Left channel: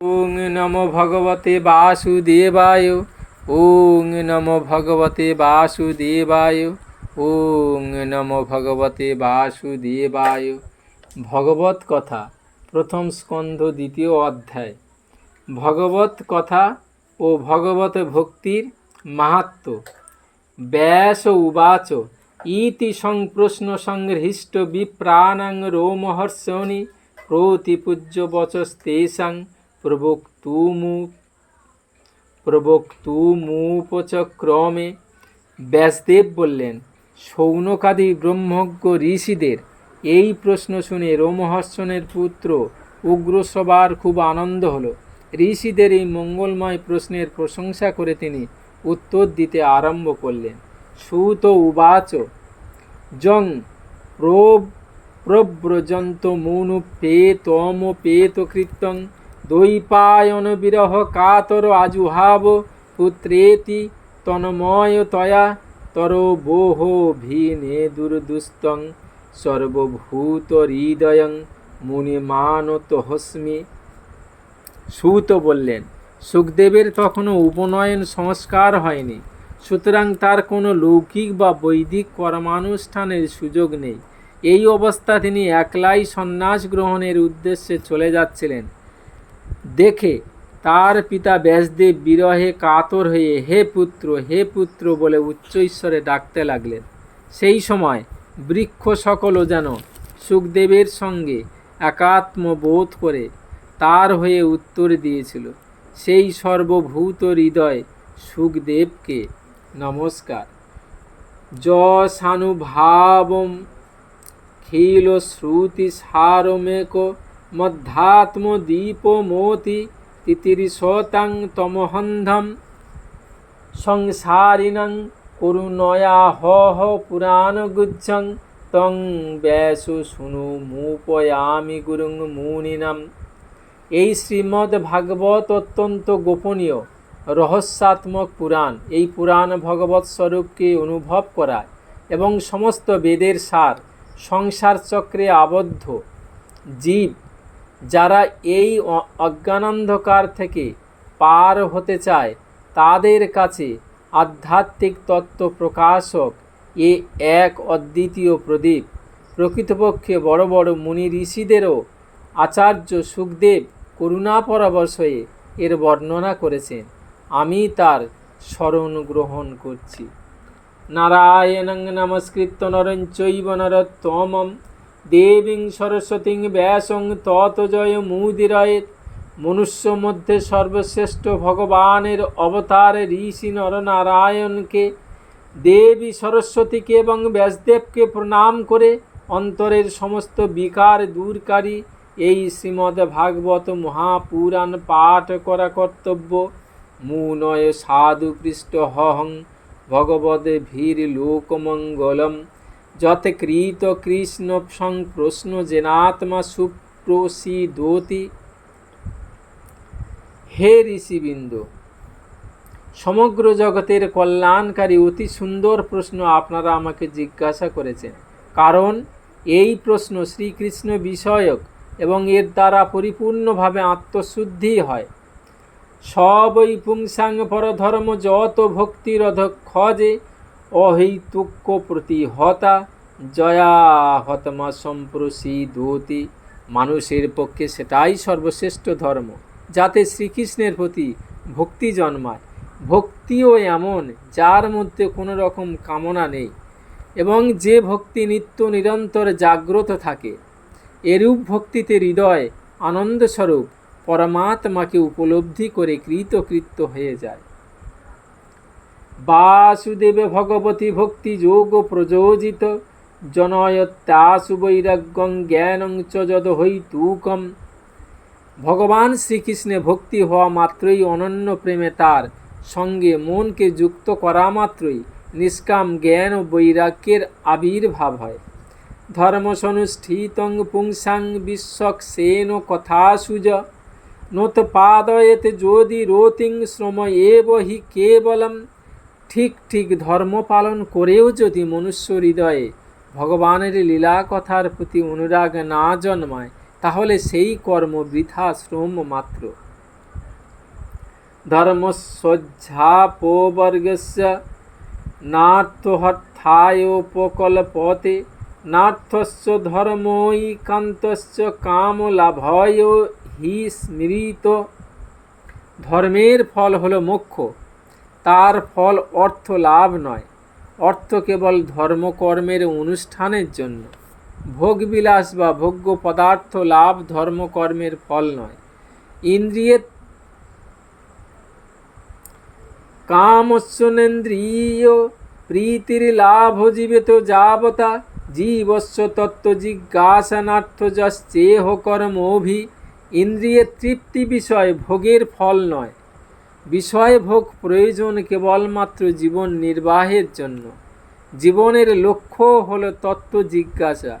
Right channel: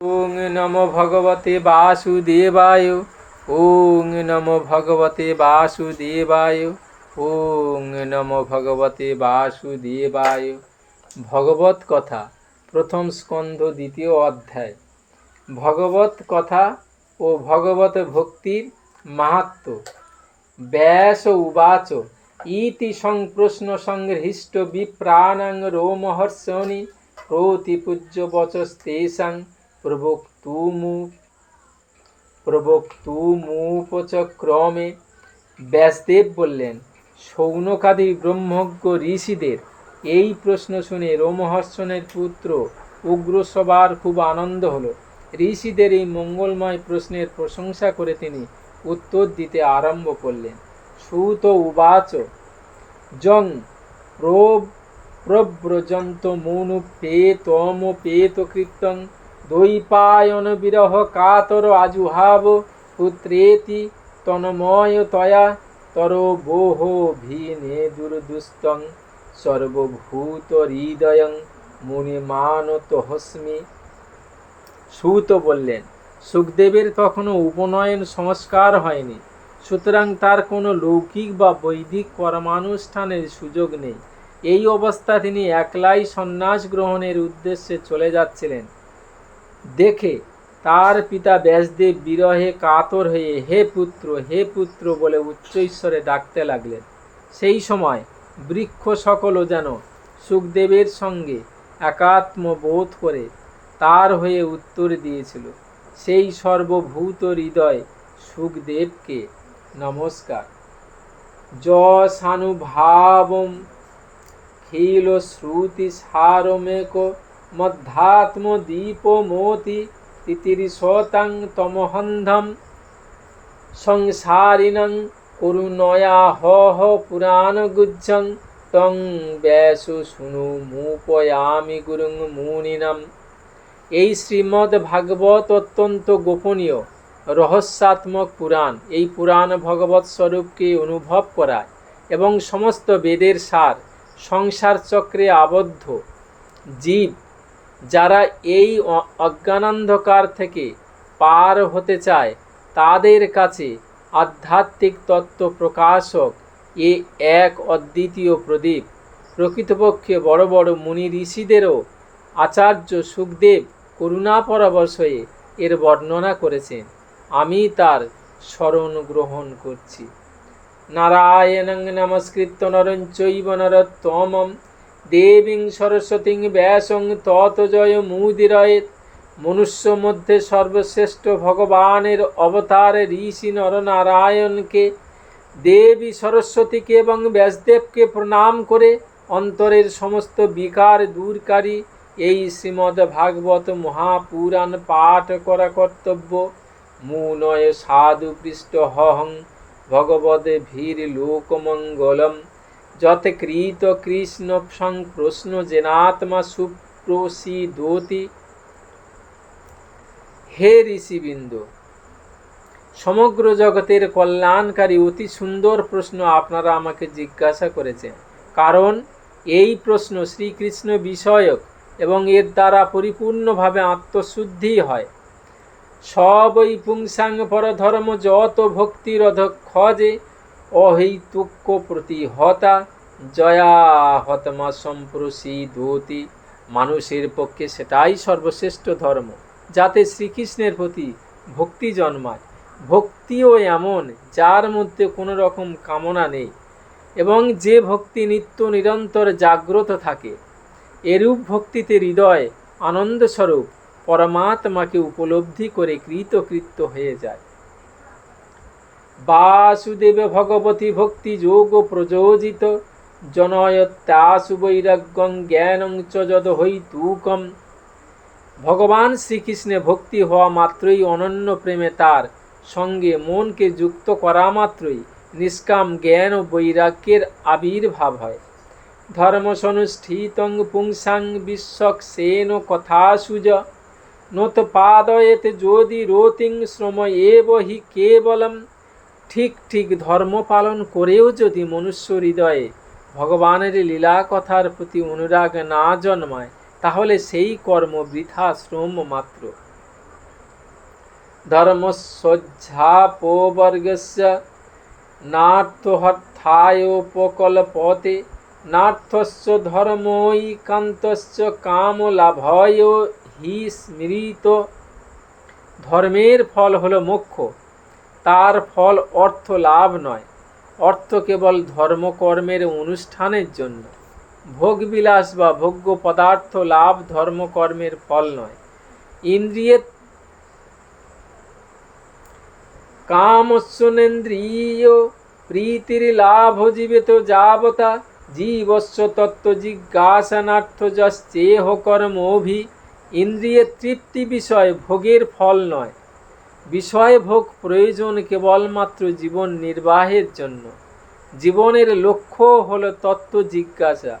ওং নমো ভগবতে বাসুদেবায়, ওং নমো ভগবতে বাসুদেবায়, ওং নমো ভগবতে বাসুদেবায়। ভগবত কথা, প্রথম স্কন্ধ, দ্বিতীয় অধ্যায়। ভগবত কথা ও ভগবত ভক্তির মাহাত্ম্য ব্যাস উবাচ, ইতি সংপ্রশ্ন সংহৃষ্ট বিপ্রাণাং রোমহর্ষণি প্রতিপূজ্য বচস্তেষাং প্রবক্তুমু, প্রবক্তুমুপচক্রমে ব্যাসদেব বললেন সৌনকাদি ব্রহ্মজ্ঞ ঋষিদের এই প্রশ্ন শুনে রোমহর্ষণের পুত্র উগ্রসবার খুব আনন্দ হলো। ঋষিদের এই মঙ্গলময় প্রশ্নের প্রশংসা করে তিনি উত্তর দিতে আরম্ভ করলেন, সুত উবাচ জং প্রব প্রব্রজন্ত মৌনু পেতম পেত কীর্তন দৈপায়ন বিরহ কাতর আজুহাব, পুত্রেতি তন্ময় তয়া, তর বোহ ভীনে দুর্দুস্তং সর্বভূত হৃদয়ং মুনিমানত হস্মি সুত বললেন, সুখদেবের তখনও উপনয়ন সংস্কার হয়নি, সুতরাং তার কোনো লৌকিক বা বৈদিক কর্মানুষ্ঠানের সুযোগ নেই। এই অবস্থা তিনি একলাই সন্ন্যাস গ্রহণের উদ্দেশ্যে চলে যাচ্ছিলেন। দেখে তার পিতা ব্যাসদেব বিরহে কাতর হয়ে, হে পুত্র হে পুত্র বলে উচ্চ ঈশ্বরে ডাকতে লাগলেন। সেই সময় বৃক্ষ সকলও যেন সুখদেবের সঙ্গে একাত্ম বোধ করে তার হয়ে উত্তর দিয়েছিল। সেই সর্বভূত হৃদয় সুখদেবকে নমস্কার। যশানুভাবম খিল শ্রুতি সারমেক মধ্যাত্ম দীপ তিতিরিশতাং তমহন্ধম সংসারিণং করুণয়া হহ পুরাণ গুজ্জং তং ব্যাসু শুনু মুপয়ামি গুরুং মুনিনাম এই শ্রীমদ্ ভাগবত অত্যন্ত গোপনীয় রহস্যাত্মক পুরাণ, এই পুরাণ ভগবত স্বরূপকে অনুভব করায় এবং সমস্ত বেদের সার, সংসার চক্রে আবদ্ধ, জীব যারা এই অজ্ঞানান্ধকার থেকে পার হতে চায়, তাদের কাছে আধ্যাত্মিক তত্ত্ব প্রকাশক এ এক অদ্বিতীয় প্রদীপ। প্রকৃতপক্ষে বড় বড় মুনি ঋষিদেরও আচার্য সুখদেব করুণাপরবশ হয়ে এর বর্ণনা করেছেন। আমি তার স্মরণ গ্রহণ করছি। নারায়ণং নমস্কৃত্য নরং চৈব নরোত্তমম। দেবীং সরস্বতীং ব্যাসং তত জয় মনুষ্য মধ্যে সর্বশ্রেষ্ঠ ভগবানের অবতার ঋষি নরনারায়ণকে, দেবী সরস্বতীকে এবং ব্যাসদেবকে প্রণাম করে অন্তরের সমস্ত বিকার দূরকারী এই শ্রীমদ্ ভাগবত মহাপুরাণ পাঠ করা কর্তব্য। মুনয় সাধু পৃষ্ঠ হহং। ভগবদে ভীর লোকমঙ্গলম যথ কৃত কৃষ্ণ সংপ্রশ্ন জেনাত্মা সুপ্রসিদোতি হে ঋষিবৃন্দ, সমগ্র জগতের কল্যাণকারী অতি সুন্দর প্রশ্ন আপনারা আমাকে জিজ্ঞাসা করেছেন। কারণ এই প্রশ্ন শ্রীকৃষ্ণ বিষয়ক এবং এর দ্বারা পরিপূর্ণভাবে আত্মশুদ্ধি হয়। সবই পুংসাং পরধর্ম যত ভক্তিরধ খজে অহৈতুক্য প্রতিহতা জয়া হতমা সম্প্রসিদতি মানুষের পক্ষে সেটাই সর্বশ্রেষ্ঠ ধর্ম, যাতে শ্রীকৃষ্ণের প্রতি ভক্তি জন্মায়। ভক্তিও এমন, যার মধ্যে কোনো রকম কামনা নেই। এবং যে ভক্তি নিত্য নিরন্তর জাগ্রত থাকে, এরূপ ভক্তিতে হৃদয় আনন্দস্বরূপ পরমাত্মাকে উপলব্ধি করে কৃতকৃত্য হয়ে যায়। বাসুদেব ভগবতী ভক্তি যোগ প্রযোজিত। জনয়ত্যাসু বৈরাগ্যং জ্ঞানং চ যদ হৈতুকম ভগবান শ্রীকৃষ্ণে ভক্তি হওয়া মাত্রই অনন্য প্রেমে তার সঙ্গে মনকে যুক্ত করা মাত্রই নিষ্কাম জ্ঞান ও বৈরাগ্যের আবির্ভাব হয়। ধর্মসনুষ্ঠিতং পুংসাং বিশ্বক সেন কথাসুজ নত পাদয়েত যদি রতিং শ্রম এব হি কেবলম। ঠিক ঠিক ধর্ম পালন করেও যদি মনুষ্য হৃদয়ে ভগবানের লীলা কথার প্রতি অনুরাগ না জন্মায়, তাহলে সেই কর্ম বৃথা শ্রম মাত্র। ধর্মসজ্জাপবর্গস্য নার্থহর্থায়োপকল্পতে নার্থস্য ধর্মৈকান্তস্য কামলাভয় হি স্মৃত। ধর্মের ফল হলো মোক্ষ তার ফল অর্থ লাভ নয়, অর্থ কেবল ধর্মকর্মের অনুষ্ঠানের জন্য। ভোগবিলাস বা ভোগ্য পদার্থ লাভ ধর্মকর্মের ফল নয়। ইন্দ্রিয়ের কামস্যনেন্দ্রিয় প্রীতির লাভ জীবিত যাবতা জীবস্য তত্ত্ব জিজ্ঞাসনার্থ যশ্চেহ কর্মভি ইন্দ্রিয়ের তৃপ্তি বিষয় ভোগের ফল নয়। বিষয় ভোগ প্রয়োজন কেবলমাত্র জীবন নির্বাহের জন্য। জীবনের লক্ষ্য হল তত্ত্ব জিজ্ঞাসা।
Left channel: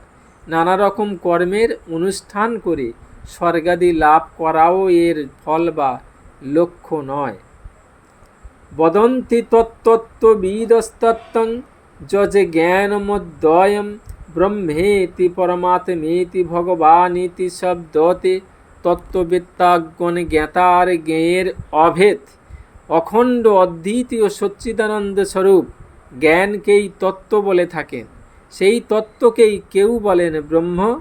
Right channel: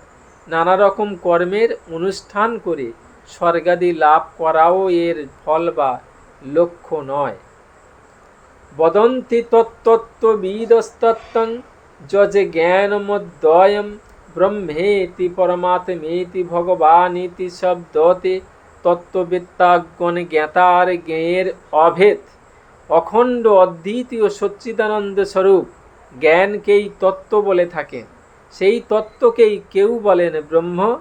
নানা রকম কর্মের অনুষ্ঠান করে স্বর্গাদি লাভ করাও এর ফল বা লক্ষ্য নয়। বদন্তি তত্ত্ববিদস্তত্ত্বং যজে জ্ঞানমদ্বয়ম ব্রহ্মেতি পরমাত্মেতি ভগবানিতি শব্দতে তত্ত্ববিদ্যাগণ জ্ঞাতার জ্ঞেয়ের অভেদ। অখণ্ড অদ্বিতীয় সচ্চিদানন্দ স্বরূপ জ্ঞানকেই তত্ত্ব বলে থাকেন সেই তত্ত্বকেই কেউ বলেন ব্রহ্ম,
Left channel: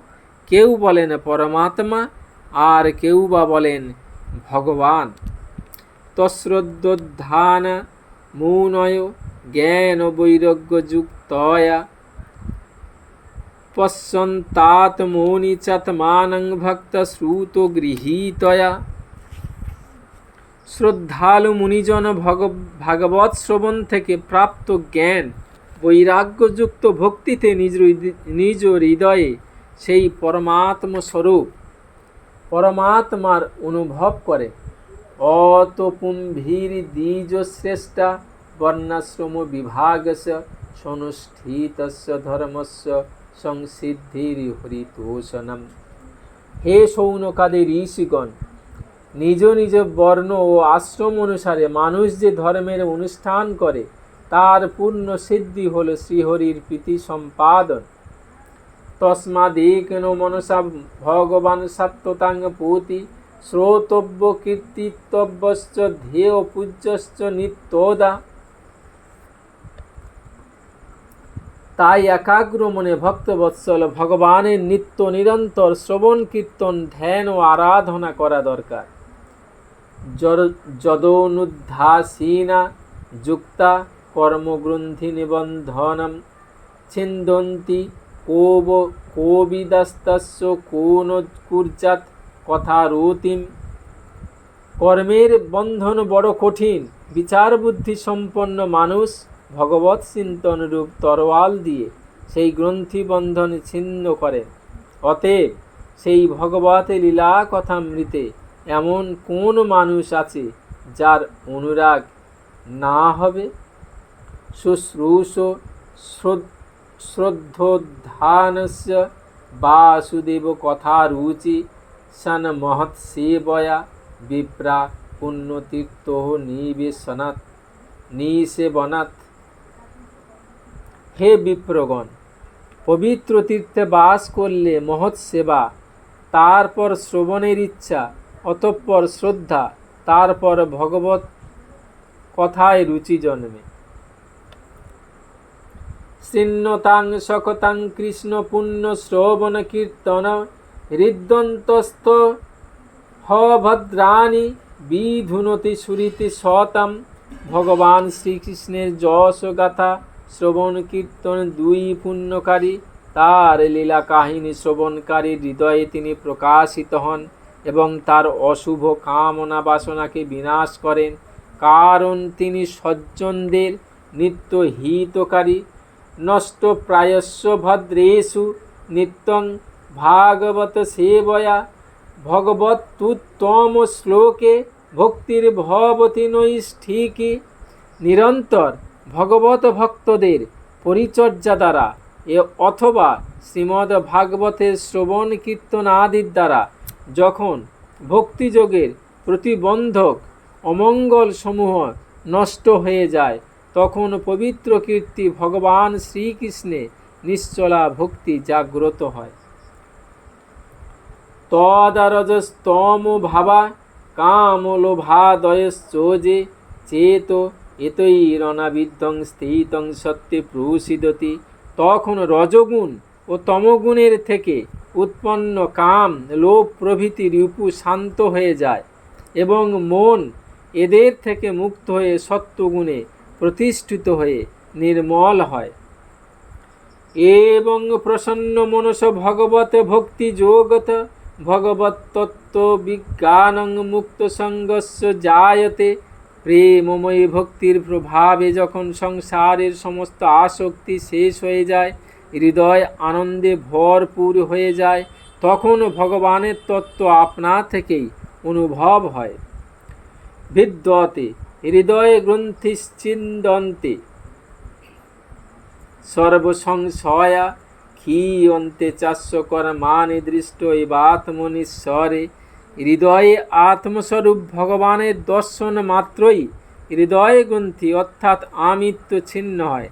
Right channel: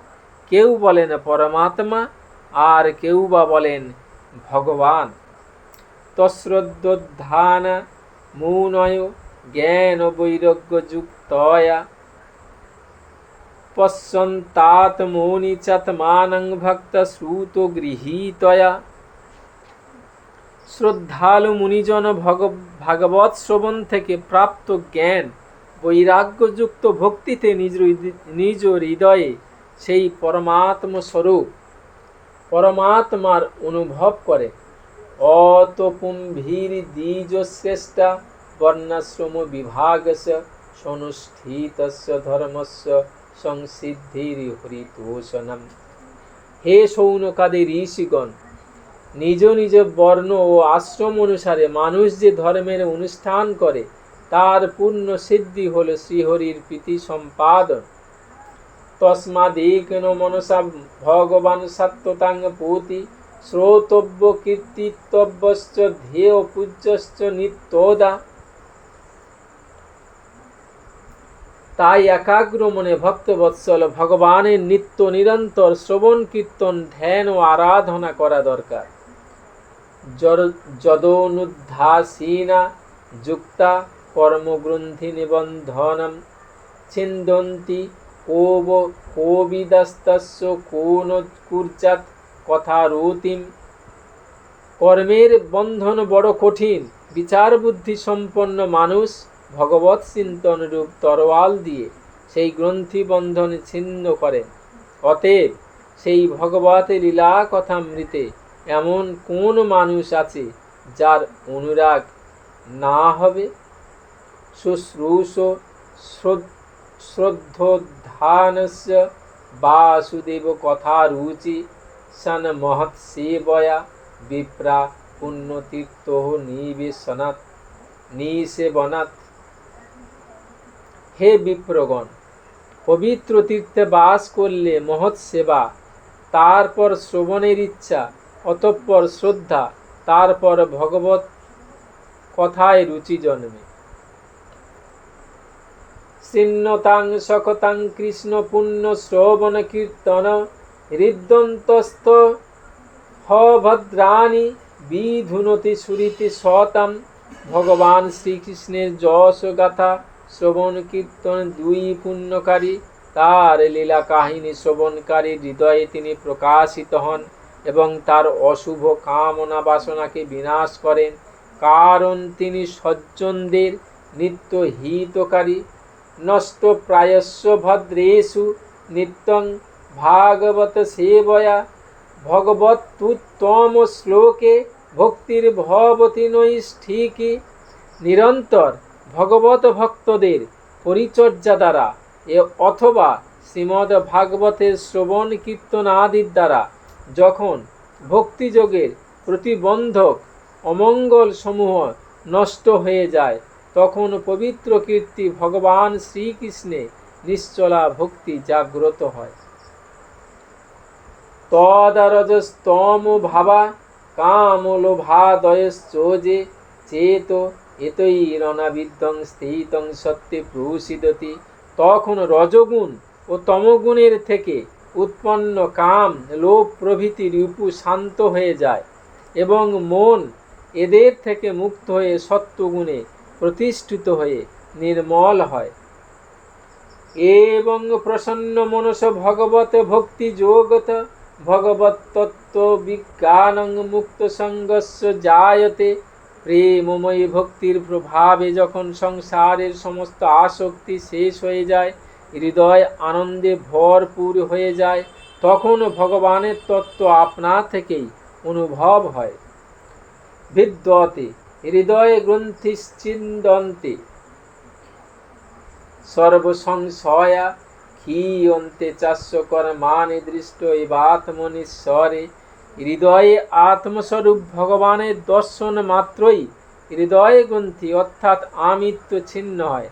কেউ বলেন পরমাত্মা, আর কেউ বা বলেন ভগবান। তশ্রদ্ধান মৌনয় জ্ঞান বৈরাগ্যযুক্তয়া পশ্যন্তাত্মৌনি চাত্মানং ভক্ত শ্রুত গৃহীতয়া শ্রদ্ধালু মুনিজন ভগ ভাগবত শ্রবণ থেকে প্রাপ্ত জ্ঞান বৈরাগ্যযুক্ত ভক্তিতে নিজ নিজ হৃদয়ে সেই পরমাত্ম স্বরূপ পরমাত্মার অনুভব করে। অতপুম্ভীর দ্বিজ শ্রেষ্ঠা বর্ণাশ্রম বিভাগস সনুষ্ঠিতস্য ধর্মস্য সংসিদ্ধির হরিতোষণম। হে সৌনকাদের ঋষিগণ নিজ নিজ বর্ণ ও আশ্রম অনুসারে মানুষ যে ধর্মের অনুষ্ঠান করে, তার পূর্ণ সিদ্ধি হল শ্রীহরির প্রীতি সম্পাদন। তস্মাদেকেন মনসা ভগবান সত্যতাঙ্গ পুতি, শ্রোতব্য কীর্তিতব্যশ্চ ধ্যেয় পূজ্যশ্চ নিত্যদা। তাই একাগ্র মনে ভক্তবৎসল ভগবানের নিত্য নিরন্তর শ্রবণ কীর্তন, ধ্যান ও আরাধনা করা দরকার। যদনুদ্ধাসীনা যুক্তা কর্মগ্রন্থি নিবন্ধনম। ছিন্দন্তি কোব কোবিদস্তস্য কোন কুর্চাত কথা রুতিম কর্মের বন্ধন বড় কঠিন বিচার বুদ্ধি সম্পন্ন মানুষ ভগবৎ চিন্তন রূপ তরোয়াল দিয়ে সেই গ্রন্থি বন্ধন ছিন্ন করেন। অতএব সেই ভগবত লীলা কথামৃতে এমন কোন মানুষ আছে যার অনুরাগ না হবে? শুশ্রূষ শ্রদ্ধোদ্ধানস্য বাসুদেব কথা রুচি সন মহৎ সেবয়া বিপ্রা পুণ্যতীর্থ নিবেশনাথ নিষেবনাথ হে বিপ্রগণ, পবিত্র তীর্থে বাস করলে মহৎ সেবা তারপর শ্রবণের ইচ্ছা অতঃপর শ্রদ্ধা, তারপর ভগবত কথায় রুচি জন্মে। শৃণ্যতাং সকতাং কৃষ্ণ পুণ্য শ্রবণ কীর্তন হৃদন্তস্থ ভদ্রাণী বিধুনতি সুরীতি শতম ভগবান শ্রীকৃষ্ণের যশ গাথা শ্রবণ কীর্তন দুই পুণ্যকারী, তার লীলা কাহিনী শ্রবণকারী হৃদয়ে তিনি প্রকাশিত হন। এবং তার অশুভ কামনা বাসনাকে বিনাশ করেন, কারণ তিনি সজ্জনদের নিত্য হিতকারী নষ্ট প্রায়স্য ভদ্রেষু নিত্যং ভাগবত সেবয়া। ভগবতুত্তম শ্লোকে ভক্তির ভবতী নৈষ্ঠিকী নিরন্তর ভগবত ভক্তদের পরিচর্যা দ্বারা এ অথবা শ্রীমদ্ ভাগবতের শ্রবণ কীর্তন আদির দ্বারা যখন ভক্তিযোগের প্রতিবন্ধক অমঙ্গল সমূহ নষ্ট হয়ে যায়, তখন পবিত্র কীর্তি ভগবান শ্রীকৃষ্ণে নিশ্চলা ভক্তি জাগ্রত হয়। তদারজস্তম ভাবা কামলোভাদয়শ্চোজে চেত এতই রণাবিদ্ধং স্থিতং সত্যে প্রসিদতি তখন রজগুণ ও তমগুণের থেকে উৎপন্ন কাম, লোভ প্রভৃতি রিপু শান্ত হয়ে যায় এবং মন এদের থেকে মুক্ত হয়ে সত্যগুণে প্রতিষ্ঠিত হয়ে নির্মল হয়। এবং প্রসন্ন মনস ভগবত ভক্তি যোগত ভগবত তত্ত্ব বিজ্ঞানং মুক্ত সঙ্গস্য জায়তে প্রেমময়ী ভক্তির প্রভাবে যখন সংসারের সমস্ত আসক্তি শেষ হয়ে যায় হৃদয় আনন্দে ভরপুর হয়ে যায়, তখন ভগবানের তত্ত্ব আপনা থেকেই অনুভব হয়। বিদ্যতে হৃদয়ে গ্রন্থিশ্চিন্দন্তে সর্বসংশয়া ক্ষীয়ন্তে চাস্যকর মানে দৃষ্ট এবাত্মনিশ্বরে হৃদয়ে আত্মস্বরূপ ভগবানের দর্শন মাত্রই হৃদয় গ্রন্থি অর্থাৎ আমিত্ব ছিন্ন হয়।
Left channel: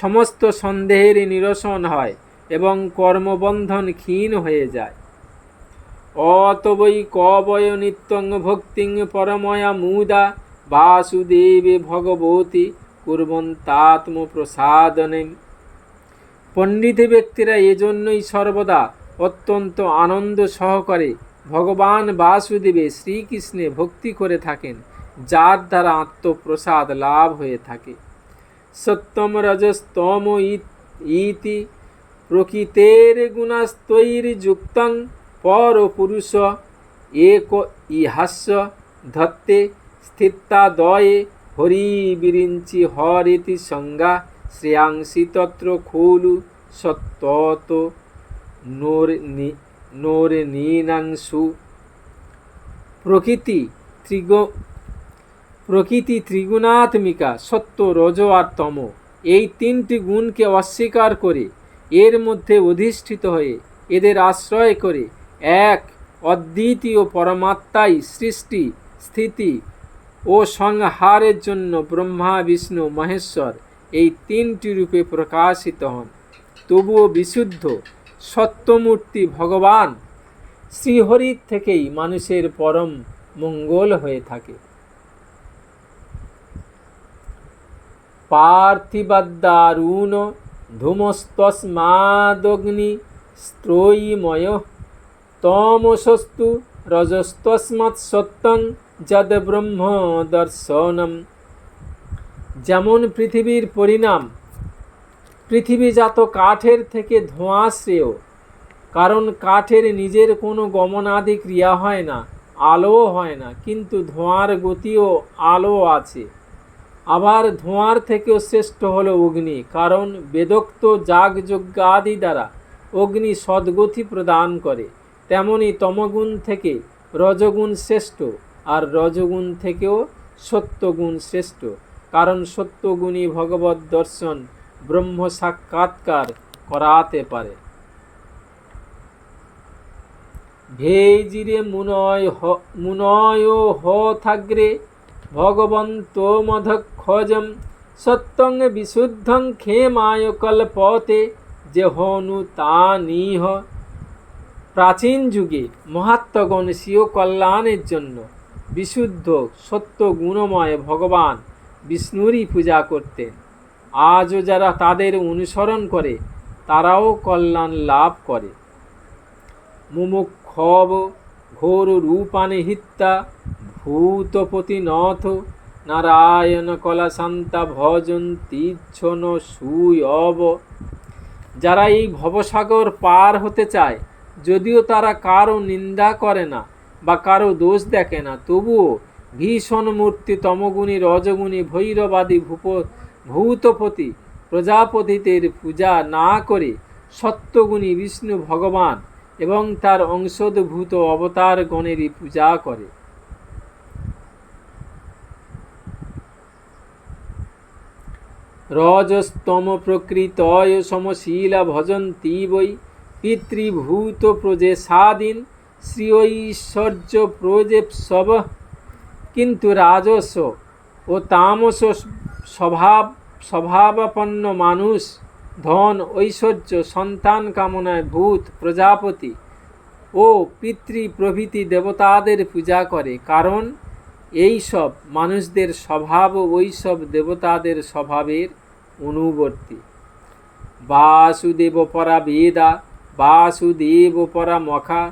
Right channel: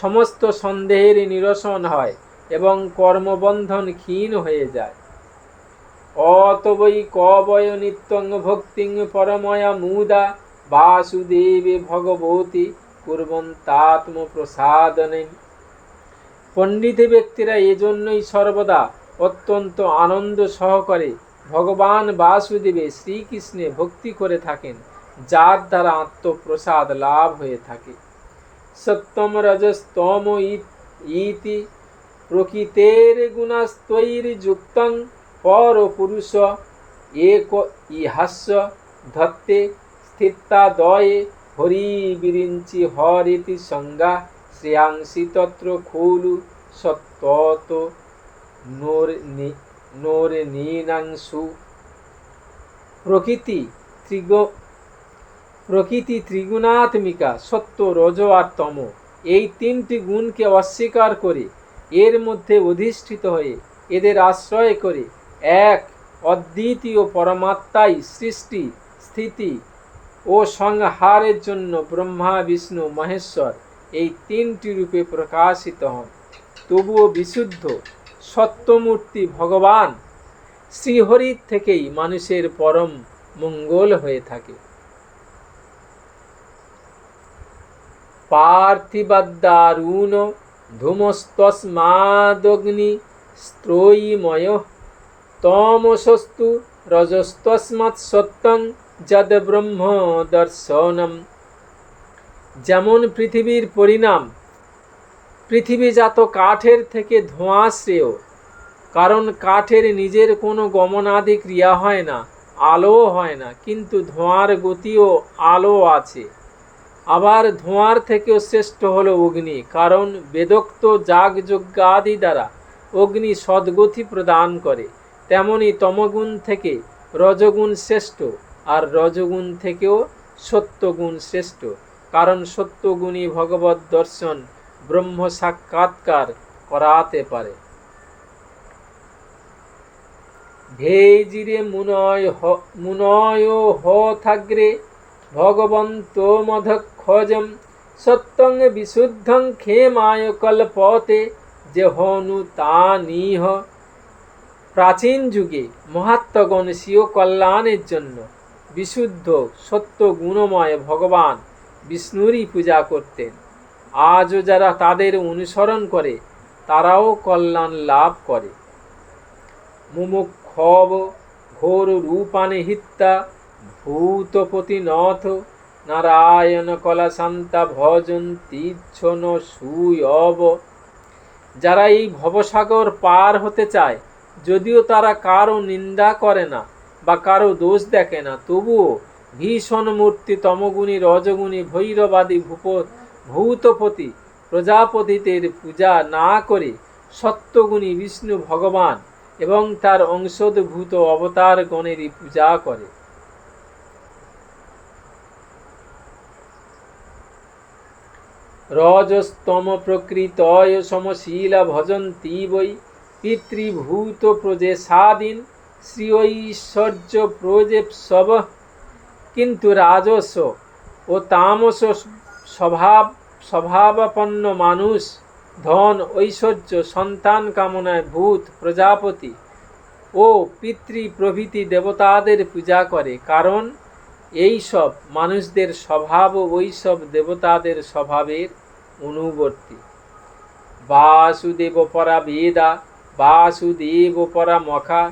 সমস্ত সন্দেহের নিরসন হয় এবং কর্মবন্ধন ক্ষীণ হয়ে যায়। অতবৈ কবয় নিত্যং ভক্তিং পরময়া মুদা বাসুদেবে ভগবতী কুর্বন্তাত্ম প্রসাদনে পণ্ডিত ব্যক্তিরা এজন্যই সর্বদা অত্যন্ত আনন্দ সহকারে ভগবান বাসুদেবে শ্রীকৃষ্ণে ভক্তি করে থাকেন, যার দ্বারা আত্মপ্রসাদ লাভ হয়ে থাকে। সত্যম রজস্তম ইতি প্রকৃতের গুণস্তৈর্যুক্তং পর পুরুষ এক ইহাস্য ধত্তে স্থিতাদয়ে হরি বিরিঞ্চি হরিতি সংজ্ঞা শ্রেয়াংসি তত্র খোলু সত্যত নোর নীনাংশু প্রকৃতি প্রকৃতি ত্রিগুণাত্মিকা, সত্য, রজ আর তম। এই তিনটি গুণকে অস্বীকার করে, এর মধ্যে অধিষ্ঠিত হয়ে, এদের আশ্রয় করে, এক, অদ্বিতীয় পরমাত্মাই সৃষ্টি, স্থিতি ও সংহারের জন্য ব্রহ্মা, বিষ্ণু, মহেশ্বর এই তিনটি রূপে প্রকাশিত হন। তবুও বিশুদ্ধ, সত্যমূর্তি ভগবান শ্রীহরির থেকেই মানুষের পরম মঙ্গল হয়ে থাকে। পার্থিবাদ্দারুণ ধূমস্তস্মাদগ্নি স্ত্রয়ীময় তমসস্তু রজস্তস্মাৎ সত্যং যদ ব্রহ্ম দর্শনম যেমন পৃথিবীর পরিণাম, পৃথিবীজাত কাঠের থেকে ধোঁয়া শ্রেয় কারণ কাঠের নিজের কোনো গমনাদি ক্রিয়া হয় না আলো হয় না, কিন্তু ধোঁয়ার গতিও আলো আছে। আবার ধোঁয়ার থেকেও শ্রেষ্ঠ হলো অগ্নি, কারণ বেদোক্ত যাগযজ্ঞ আদি দ্বারা অগ্নি সদ্গতি প্রদান করে। তেমনি তমগুণ থেকে রজগুণ শ্রেষ্ঠ আর রজগুণ থেকেও সত্যগুণ শ্রেষ্ঠ, কারণ সত্যগুণই ভগবত দর্শন ব্রহ্ম সাক্ষাৎকার করাতে পারে। ভেজিরে মুনয় মুনয় হ থাগ্রে ভগবন্ত মধক্ষজম সত্যং বিশুদ্ধং ক্ষেমায় কল্পতে যে হনু তা নিহ প্রাচীন যুগে মহাত্মগণ স্বীয় কল্যাণের জন্য বিশুদ্ধ, সত্য গুণময় ভগবান বিষ্ণুরই পূজা করতেন। আজও যারা তাদের অনুসরণ করে, তারাও কল্যাণ লাভ করে। মুমুক্ষব ঘোর রূপানে হিত্তা ভূতপতি নথ নারায়ণ কলা শান্তা ভজন কলাশান্তা ভজন্তীচ্ছন অব। যারা এই ভবসাগর পার হতে চায়, যদিও তারা কারও নিন্দা করে না বা কারও দোষ দেখে না, তবুও ভীষণ মূর্তি, তমগুণী, রজগুণী, ভৈরবাদী ভূপ, ভূতপতি প্রজাপতিদের পূজা না করে সত্যগুণী বিষ্ণু ভগবান এবং তার অংশদভূত অবতার গণেরই পূজা করে। রজস্তম প্রকৃতয় সমশীলা ভজন্তি বৈ, পিতৃভূত প্রজেসাদিন শ্রীঐশ্বর্য প্রজেপসব কিন্তু রাজস ও তামস স্বভাব স্বভাবাপন্ন মানুষ, ধন, ঐশ্বর্য, সন্তান কামনায় ভূত, প্রজাপতি ও পিতৃ প্রভৃতি দেবতাদের পূজা করে। কারণ এই সব মানুষদের স্বভাব ওই সব দেবতাদের স্বভাবের অনুবর্তী। বাসুদেব পরা বেদা বাসুদেব পরা মখা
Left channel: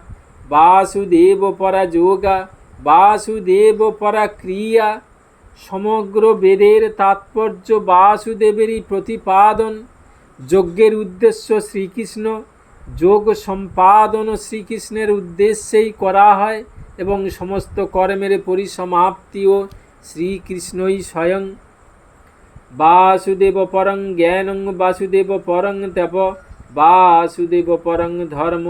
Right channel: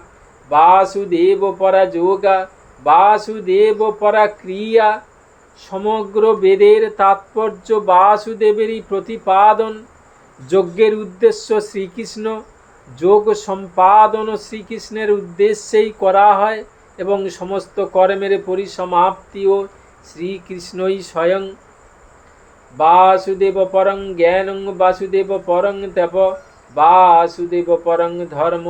বাসুদেব পরা যোগা বাসুদেব পরা ক্রিয়া সমগ্র বেদের তাৎপর্য বাসুদেবেরই প্রতিপাদন। যজ্ঞের উদ্দেশ্য শ্রীকৃষ্ণ, যোগ সম্পাদন শ্রীকৃষ্ণের উদ্দেশ্যেই করা হয়। এবং সমস্ত কর্মের পরিসমাপ্তিও শ্রীকৃষ্ণই স্বয়ং। বাসুদেব পরং জ্ঞানং, বাসুদেব পরং তপ, বাসুদেব পরং ধর্ম,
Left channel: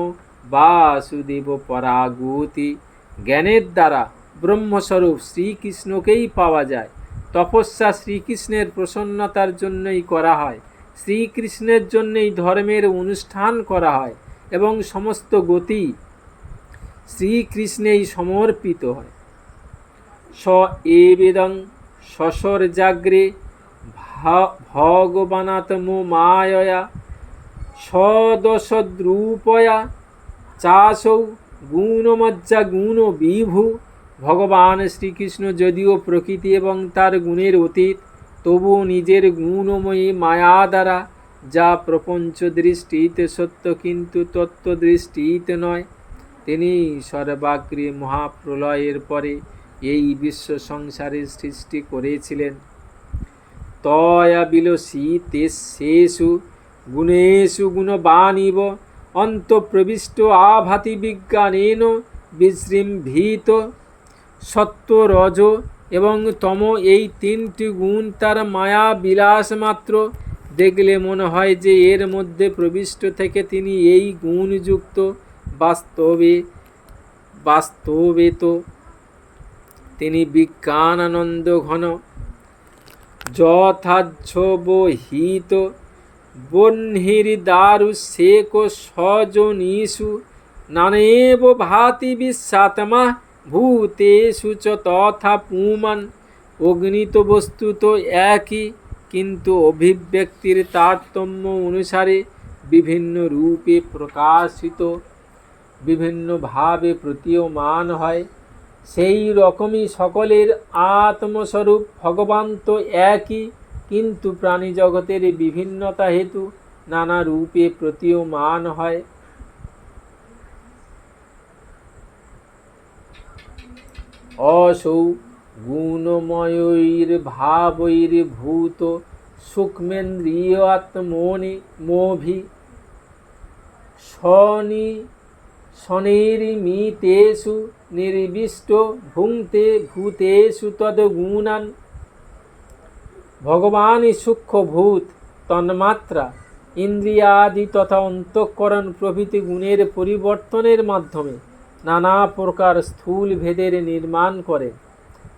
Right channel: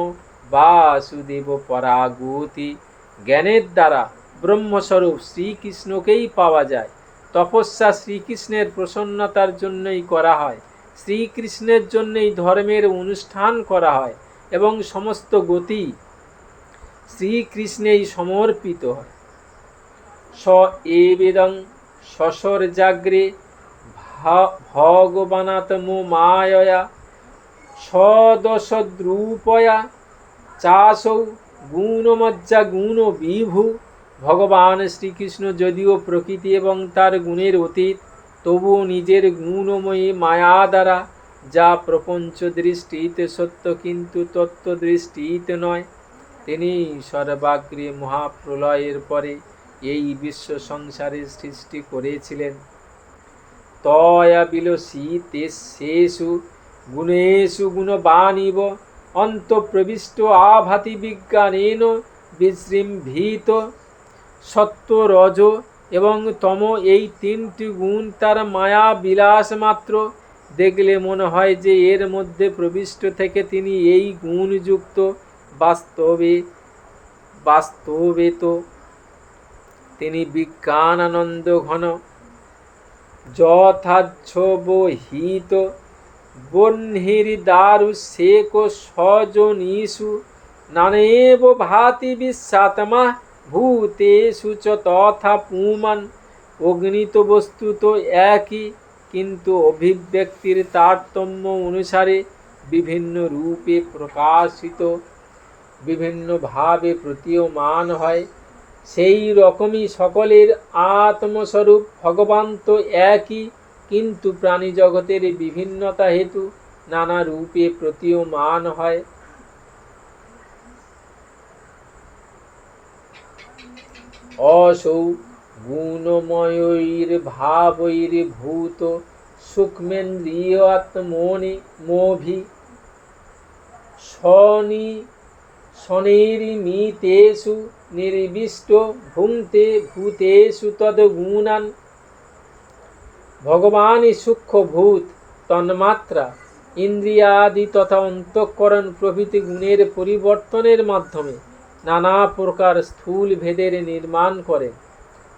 বাসুদেব পরাগতি। জ্ঞানের দ্বারা ব্রহ্মস্বরূপ শ্রীকৃষ্ণকেই পাওয়া যায়। তপস্যা শ্রীকৃষ্ণের প্রসন্নতার জন্যই করা হয়। শ্রীকৃষ্ণের জন্যই ধর্মের অনুষ্ঠান করা হয় এবং সমস্ত গতি শ্রীকৃষ্ণেই সমর্পিত হয়। স এ বেদং শশর জাগ্রে ভগবানাত্ম মায়য়া, সদশদ্রূপয়া, চাসৌ গুণমজ্জা গুণ বিভু। ভগবান শ্রীকৃষ্ণ যদিও প্রকৃতি এবং তার গুণের অতীত, তবুও নিজের গুণময়ী মায়া দ্বারা যা প্রপঞ্চ দৃষ্টিতে সত্য কিন্তু তত্ত্ব দৃষ্টিতে নয়। তিনি সর্বাগ্রে মহাপ্রলয়ের পরে এই বিশ্ব সংসারের সৃষ্টি করেছিলেন। তয়া বিলসিতে শেষু গুণেষু গুণবানিব অন্তঃপ্রবিষ্ট আভাতি বিজ্ঞানেন বিশৃম্ভিত সত্য রজ এবং তম এই তিনটি গুণ তার মায়া বিলাস মাত্র। দেখলে মনে হয় যে এর মধ্যে প্রবিষ্ট থেকে তিনি এই গুণযুক্ত বাস্তবে বাস্তবে তো তিনি বিজ্ঞানানন্দ ঘন, যথাচ্ছবহিত বহ্নির্দারু শেক স্বজনীষু নানেব ভাতি বিশ্বাত্মা, ভূতেষু চ তথা পুমান। অগ্নিত বস্তু তো একই, কিন্তু অভিব্যক্তির তারতম্য অনুসারে বিভিন্ন রূপে প্রকাশিত। বিভিন্নভাবে প্রতীয়মান হয়। সেই রকমই সকলের আত্মস্বরূপ ভগবান তো একই, কিন্তু প্রাণী জগতের বিভিন্নতা হেতু নানা রূপে প্রতীয়মান হয়। অসৌ গুণময়ৈর ভাবৈর ভূত সূক্ষ্মেন্দ্রিয়াত্মনি মোভি শনি শনির্মিতেষু নির্বিষ্ট ভুঙ্ক্তে ভূতেষু তদ্গুণান। ভগবানই সূক্ষ্মভূত, তন্মাত্রা, ইন্দ্রিয়াদি তথা অন্তঃকরণ প্রভৃতি গুণের পরিবর্তনের মাধ্যমে নানা প্রকার স্থূল ভেদের নির্মাণ করেন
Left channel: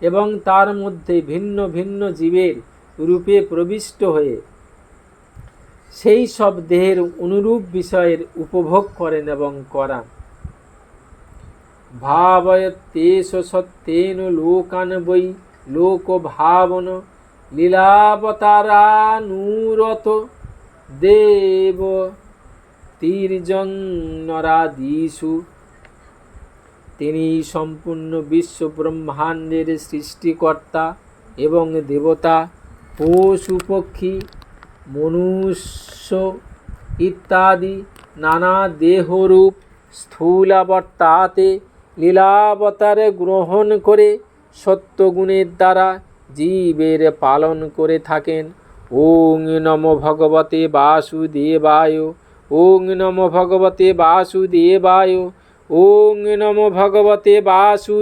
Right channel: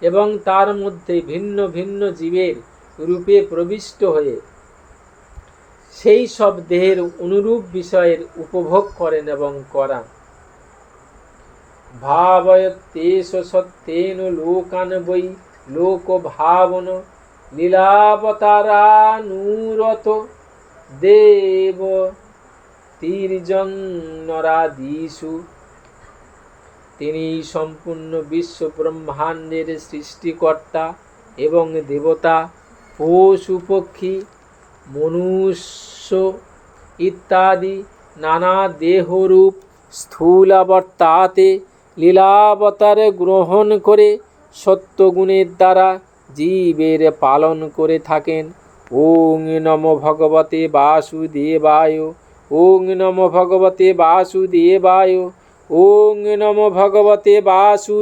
এবং তার মধ্যে ভিন্ন ভিন্ন জীবের রূপে প্রবিষ্ট হয়ে সেই সব দেহের অনুরূপ বিষয়ের উপভোগ করেন এবং করান। ভাবয়তেষ সত্যেন লোকান বৈ লোক ভাবন লীলাবতারানুরত দেব তীর্জন্নরাদিষু তিনি সম্পূর্ণ বিশ্ব ব্রহ্মাণ্ডের সৃষ্টিকর্তা এবং দেবতা, পশু, পক্ষী, মনুষ্য ইত্যাদি নানা দেহরূপ স্থূলাবর্তাতে লীলাবতারে গ্রহণ করে সত্যগুণের দ্বারা জীবের পালন করে থাকেন। ওং নম ভগবতে বাসুদেবায়, ওং নম ভগবতে বাসুদেবায়, ওং নম ভগবতে বাসু